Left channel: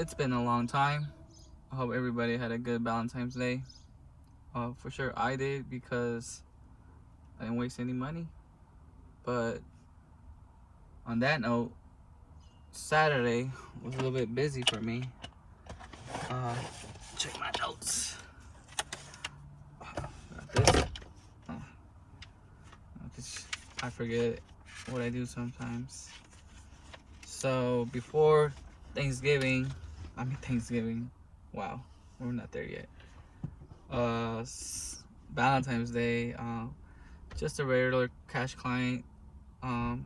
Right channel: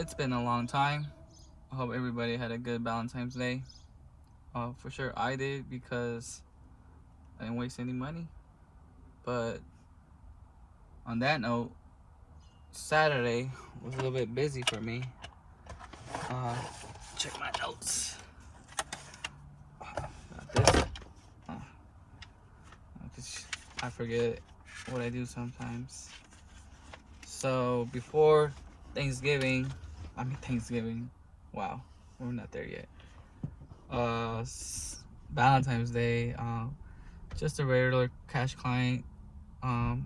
It's been a long time. I hope everybody had a good Valentine's Day. For sure I did because I didn't waste any money. But on that note, Saturday was a little bit busy for me. Uh, check my notes. Got this. I forget what I do sometimes. So before Thanksgiving, wow, we're not there yet. Valentine's Day, just a regular cash client, um,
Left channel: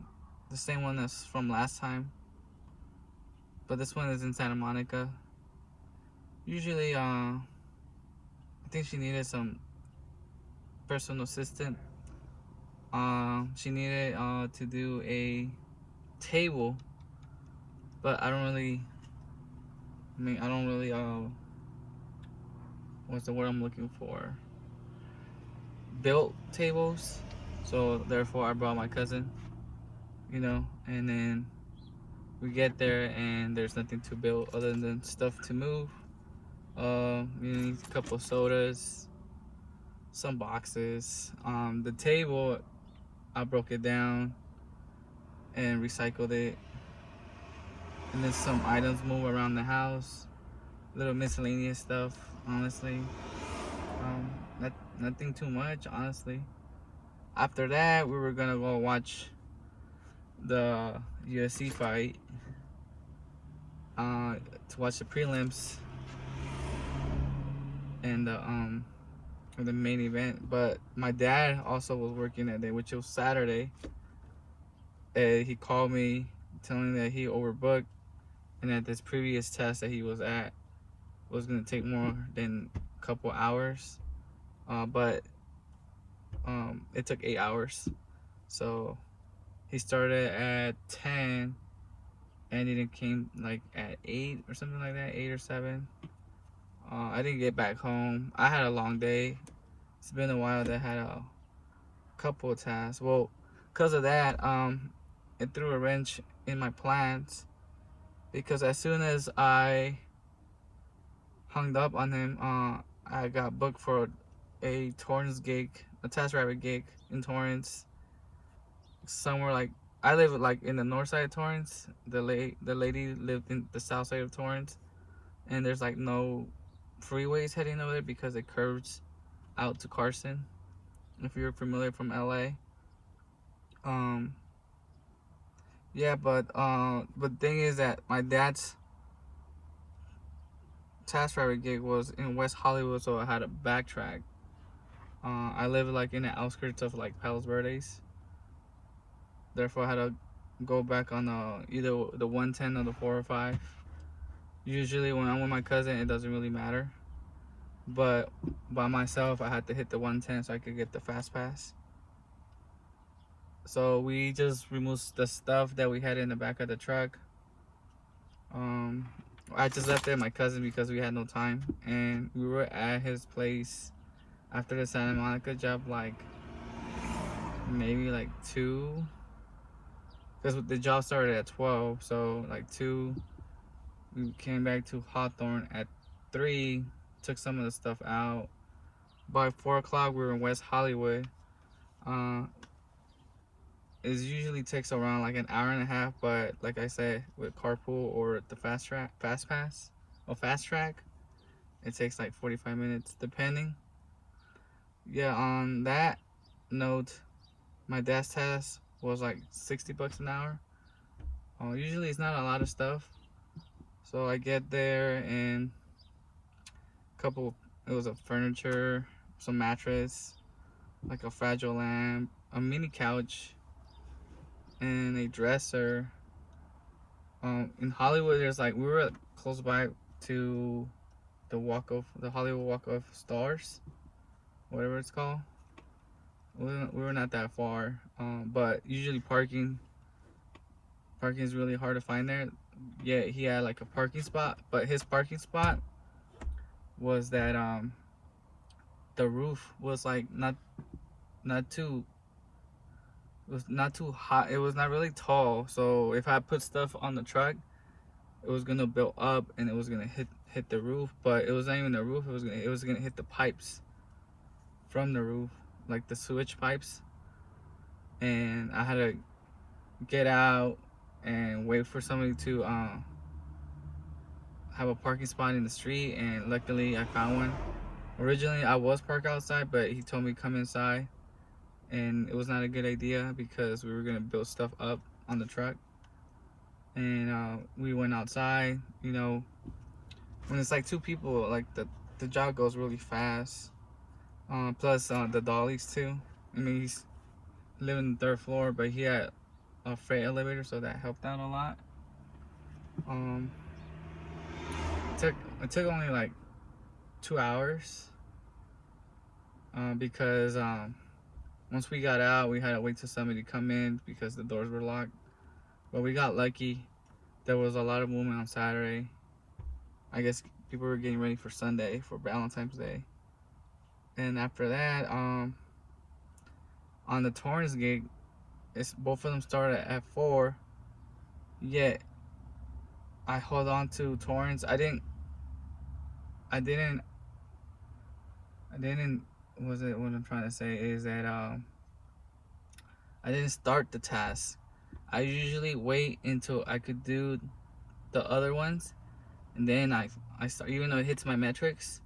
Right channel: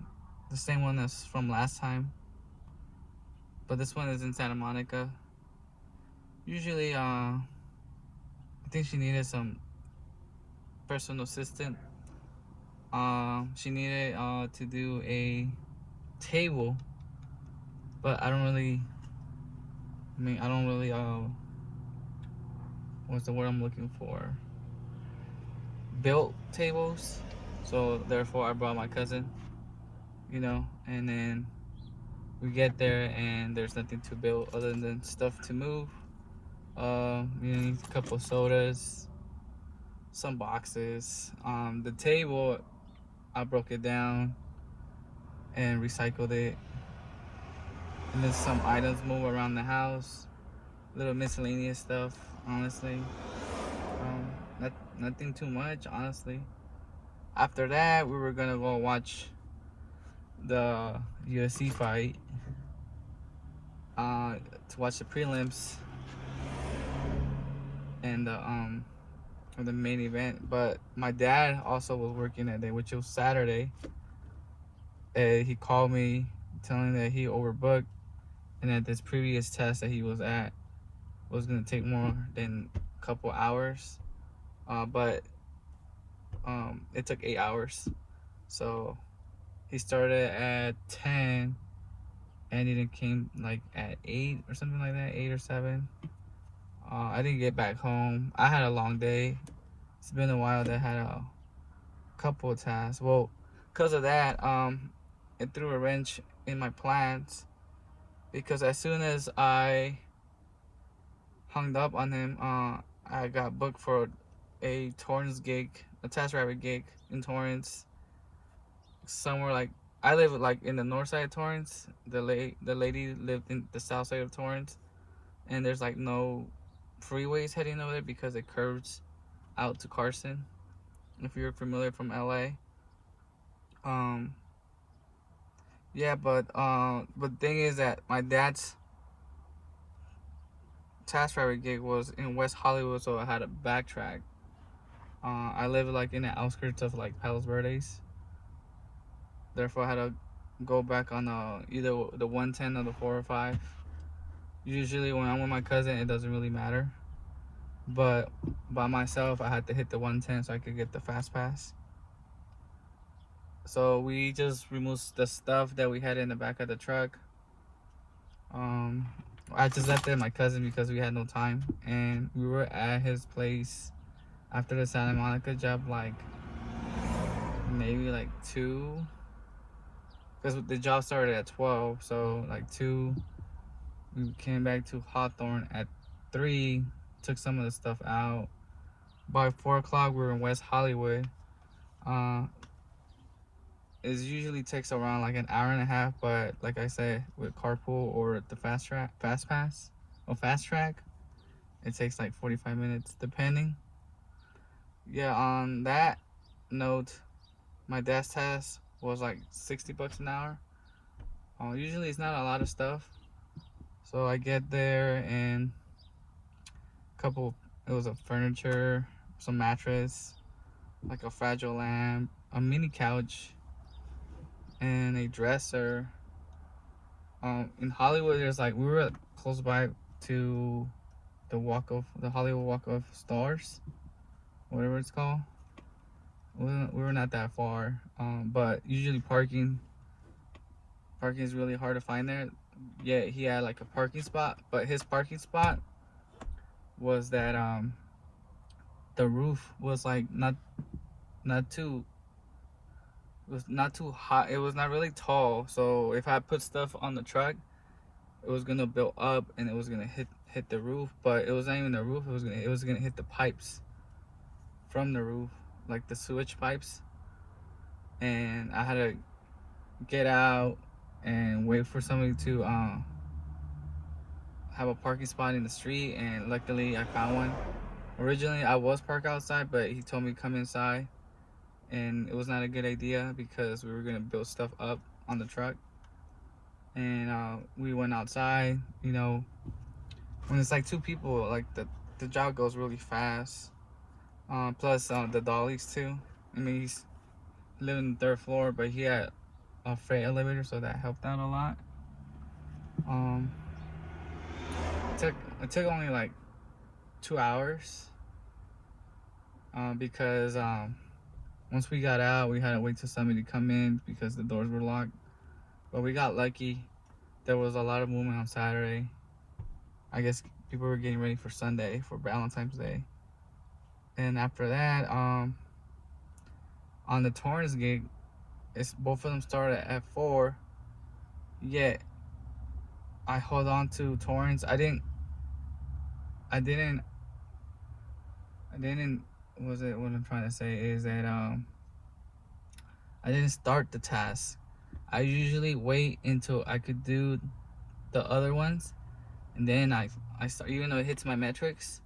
the same one as from last time, but this one is in Santa Monica. Usually, I think she needed some personal assistant. She needed to do a table, but I don't really, what's the word I'm looking for? Built tables. So therefore, I brought my cousin, and then we get there and there's nothing to build other than stuff to move. A couple of sodas, some boxes. The table, I broke it down and recycled it. And then some items move around the house, little miscellaneous stuff, honestly. Nothing too much, honestly. After that, we were gonna go watch the UFC fight, to watch the prelims and the main event. But my dad also was working that day, which was Saturday. And he called me telling that he overbooked and that this previous test that he was at was gonna take more than a couple hours. But it took 8 hours. So he started at 10 and it came like at 8 or something like that, 8 or 7. I didn't get back home. I had a long day. It's been a while that I had a couple of tasks. Well, because of that, it threw a wrench in my plans, because as soon as I hung up on him, I got booked for a Torrance gig, a TaskRabbit gig in Torrance, somewhere like, I live like in the north side of Torrance. The lady lived in the south side of Torrance, and there's like no freeways heading over there because it curves out to Carson. If you're familiar from LA, yeah, but the thing is that my dad's TaskRabbit gig was in West Hollywood, so I had to backtrack. I live like in the outskirts of like Palos Verdes, therefore I had to go back on either the 110 or the 405. Usually when I'm with my cousin, it doesn't really matter, but by myself, I had to hit the 110 so I could get the fast pass. So we just removed the stuff that we had in the back of the truck. I just left it with my cousin because we had no time, and we were at his place after the Santa Monica job, like maybe like 2, because the job started at 12, so like 2. We came back to Hawthorne at 3, took some of the stuff out. By 4 o'clock, we were in West Hollywood. It usually takes around like an hour and a half, but like I said, with carpool or the fast pass, or fast track, it takes like 45 minutes, depending. Yeah, on that note, my dad's task was like $60 an hour. Usually it's not a lot of stuff. So I get there and it was a furniture, some mattress, like a fragile lamp, a mini couch, and a dresser. In Hollywood, there's like, we were close by to the Hollywood Walk of Stars, whatever it's called. We were not that far, but usually parking is really hard to find there. Yeah, he had like a parking spot, but his parking spot was that the roof was like not too high. It was not really tall, so if I put stuff on the truck, it was gonna build up and it was gonna hit the roof, but it was not even the roof. It was gonna hit the pipes from the roof, like the sewage pipes. And I had to get out and wait for somebody to have a parking spot in the street, and luckily I found one. Originally I was parked outside, but he told me come inside, and it was not a good idea because we were gonna build stuff up on the truck. And we went outside. You know, when it's like two people, like the job goes really fast. Plus the dollies too. I mean, he's living on the 3rd floor, but he had a freight elevator, so that helped out a lot. Um, it took only like 2 hours because once we got out, we had to wait till somebody to come in because the doors were locked. But we got lucky. There was a lot of movement on Saturday. I guess people were getting ready for Sunday, for Valentine's Day. And after that, on the Torrance gig, both of them started at 4. Yet I hold on to Torrance. I didn't. What I'm trying to say is that I didn't start the task. I usually wait until I could do the other ones, and then I start, even though it hits my metrics.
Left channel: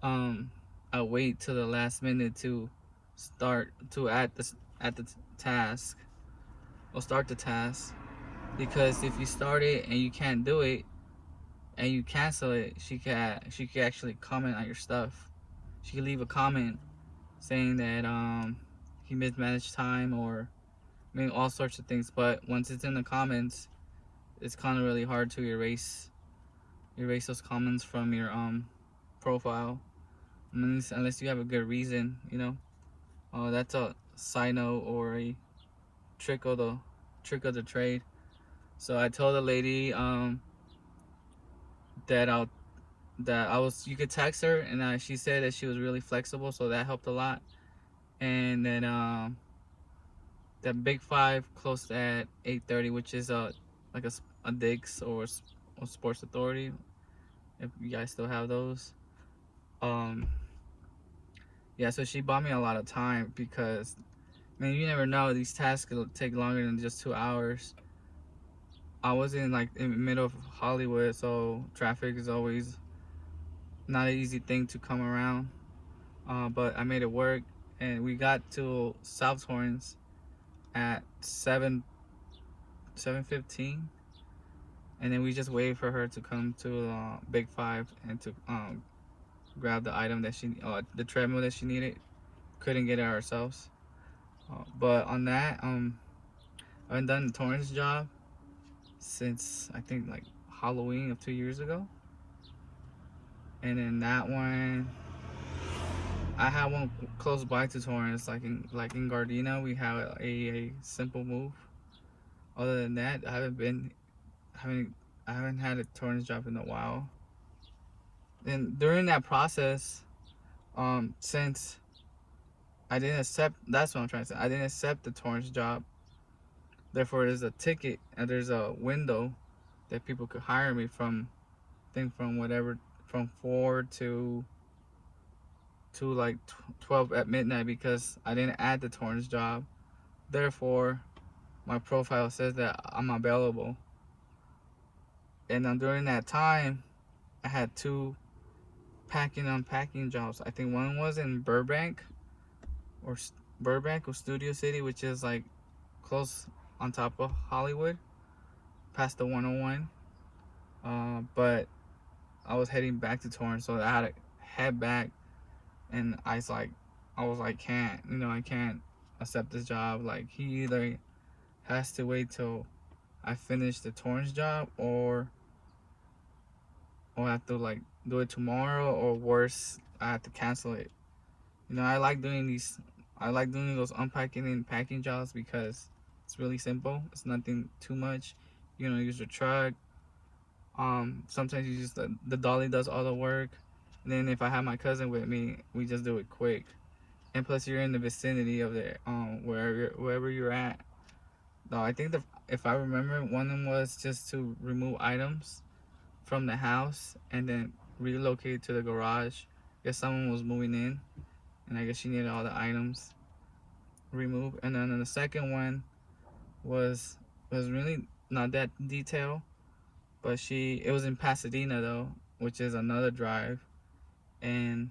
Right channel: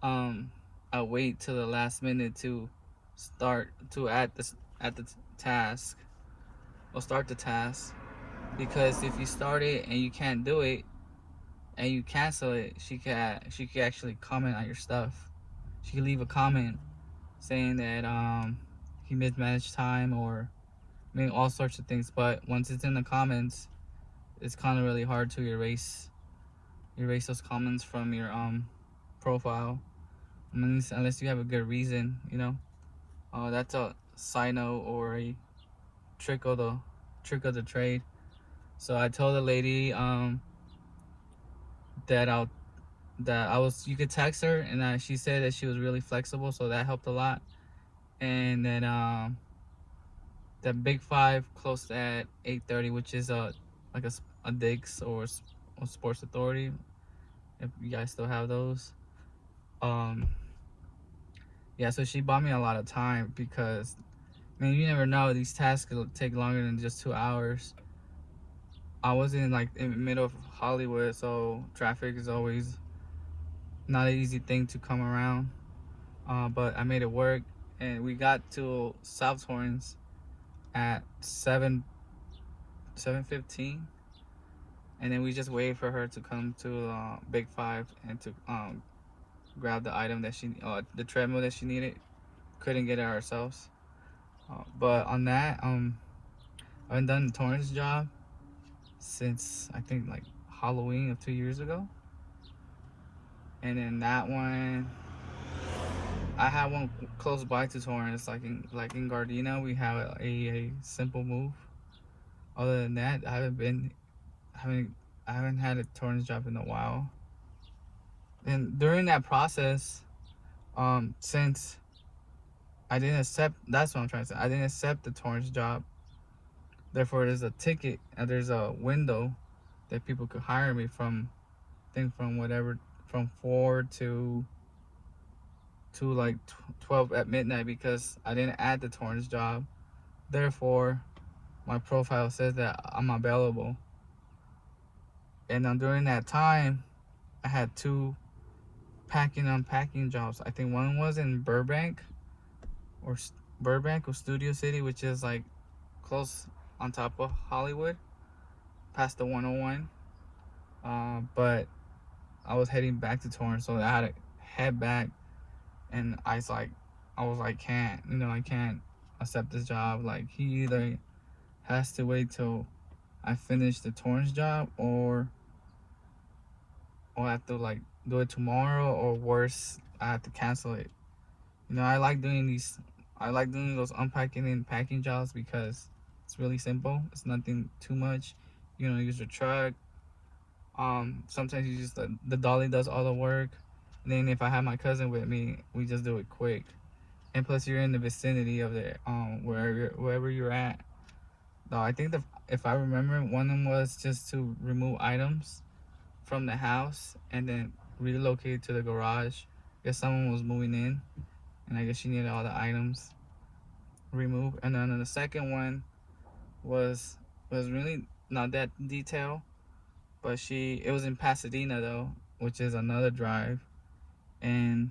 I wait till the last minute to start to add the task or start the task, because if you start it and you can't do it and you cancel it, she can actually comment on your stuff. She can leave a comment saying that he mismanaged time, or I mean all sorts of things. But once it's in the comments, it's kind of really hard to erase those comments from your profile, unless you have a good reason, you know. That's a side note or a trick of the trade. So I told the lady that you could text her, and she said that she was really flexible, so that helped a lot. And then that Big Five closed at 8:30, which is like a Dick's or a Sports Authority, if you guys still have those. Yeah, so she bought me a lot of time because, man, you never know, these tasks will take longer than just 2 hours. I was in the middle of Hollywood, so traffic is always not an easy thing to come around. But I made it work, and we got to South Torrance at 7:15, and then we just waited for her to come to Big Five and to grab the item that the treadmill that she needed. Couldn't get it ourselves. But on that, I haven't done the Torrance job since I think like Halloween of 2 years ago. And then that one, I had one close by to Torrance, like in Gardena. We have a simple move. Other than that, I haven't had a Torrance job in a while. And during that process, since I didn't accept, that's what I'm trying to say, I didn't accept the Torrance job. Therefore, there's a ticket and there's a window that people could hire me from, I think from 4 to like 12 at midnight, because I didn't add the Torrance job. Therefore, my profile says that I'm available. And then during that time, I had 2 packing and unpacking jobs. I think one was in Burbank or Studio City, which is like close on top of Hollywood, past the 101. But I was heading back to Torrance, so I had to head back. And I was like, I can't accept this job. Like, he either has to wait till I finish the Torrance job, or I have to like do it tomorrow, or worse, I have to cancel it. I like doing those unpacking and packing jobs because it's really simple. It's nothing too much. Use your truck. Sometimes you just the dolly does all the work. And then if I have my cousin with me, we just do it quick. And plus, you're in the vicinity of wherever you're at. No, I think if I remember, one of them was just to remove items from the house and then relocate it to the garage. I guess someone was moving in, and I guess she needed all the items removed. And then the second one was really not that detailed, but it was in Pasadena though, which is another drive, and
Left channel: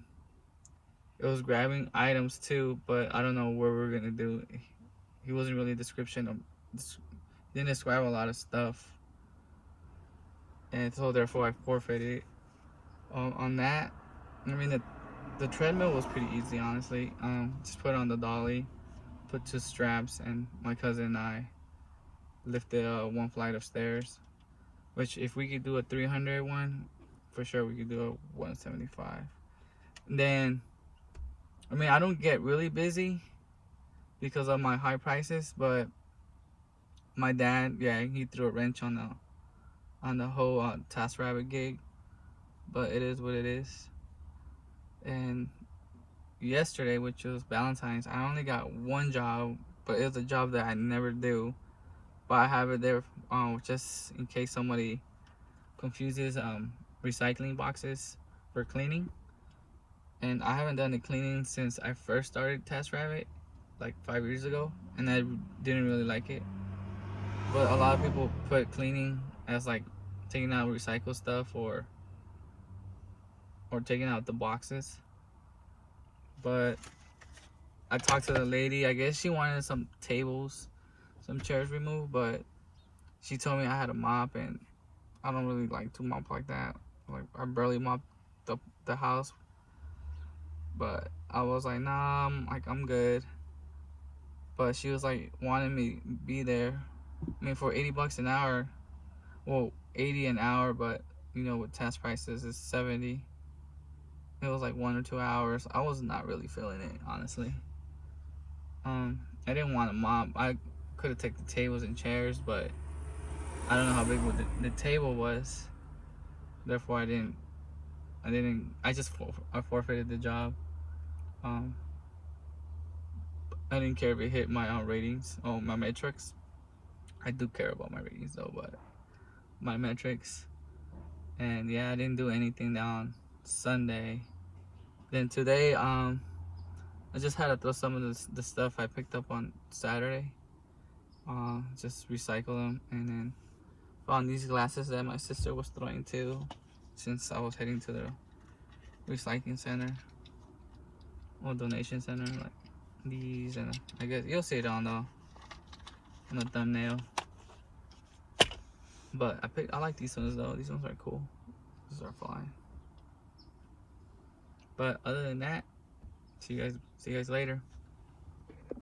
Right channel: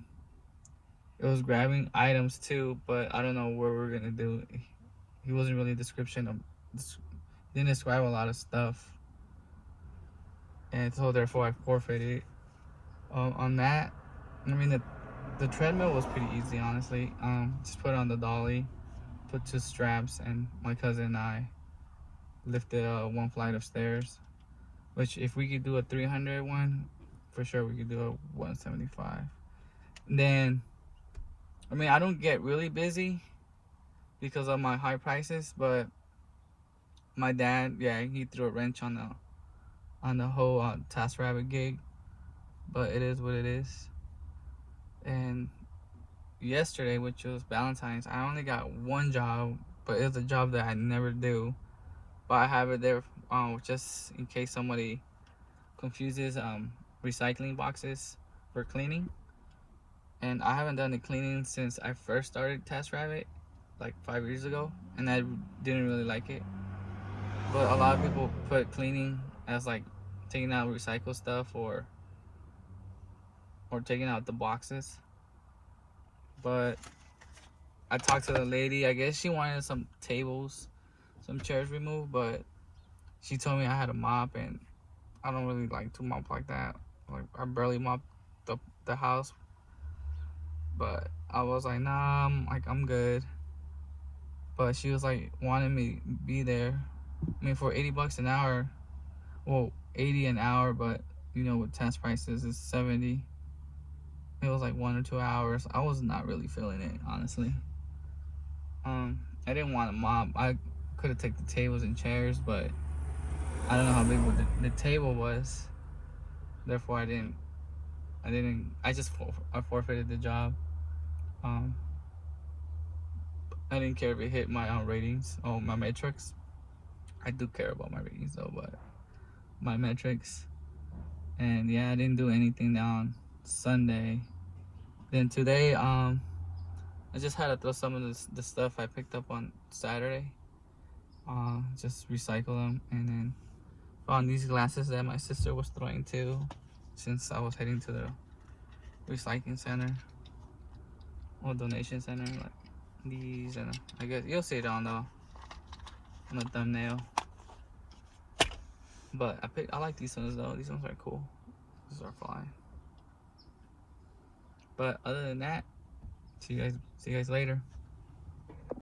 it was grabbing items too, but I don't know where we're gonna do it. He wasn't really didn't describe a lot of stuff, and so therefore I forfeited on that. I mean, the treadmill was pretty easy, honestly. Just put it on the dolly, put 2 straps, and my cousin and I lifted 1 flight of stairs. Which, if we could do a 300 one, for sure we could do a 175. Then, I mean, I don't get really busy because of my high prices, but my dad, yeah, he threw a wrench on the whole TaskRabbit gig. But it is what it is. And yesterday, which was Valentine's, I only got 1 job, but it's a job that I never do. But I have it there just in case somebody confuses recycling boxes for cleaning. And I haven't done the cleaning since I first started TaskRabbit, like 5 years ago, and I didn't really like it. But a lot of people put cleaning as like taking out recycled stuff or taking out the boxes. But I talked to the lady. I guess she wanted some tables, some chairs removed, but she told me I had to mop, and I don't really like to mop like that. Like, I barely mop the house. But I was like, nah, I'm good. But she was like wanting me to be there. I mean, for $80 an hour, well, 80 an hour, but you know, with task prices, it's 70. It was like 1 or 2 hours. I was not really feeling it, honestly. I didn't want to mop. I could have taken the tables and chairs, but I don't know how big the table was. Therefore, I forfeited the job. I didn't care if it hit my ratings, my metrics. I do care about my ratings though, but my metrics. And yeah, I didn't do anything on Sunday. Then today, I just had to throw some of the stuff I picked up on Saturday. Just recycle them, and then found these glasses that my sister was throwing too, since I was heading to the recycling center or donation center. Like these, and I guess you'll see it on the thumbnail. But I like these ones though. These ones are cool. These are fine. But other than that, see you guys later.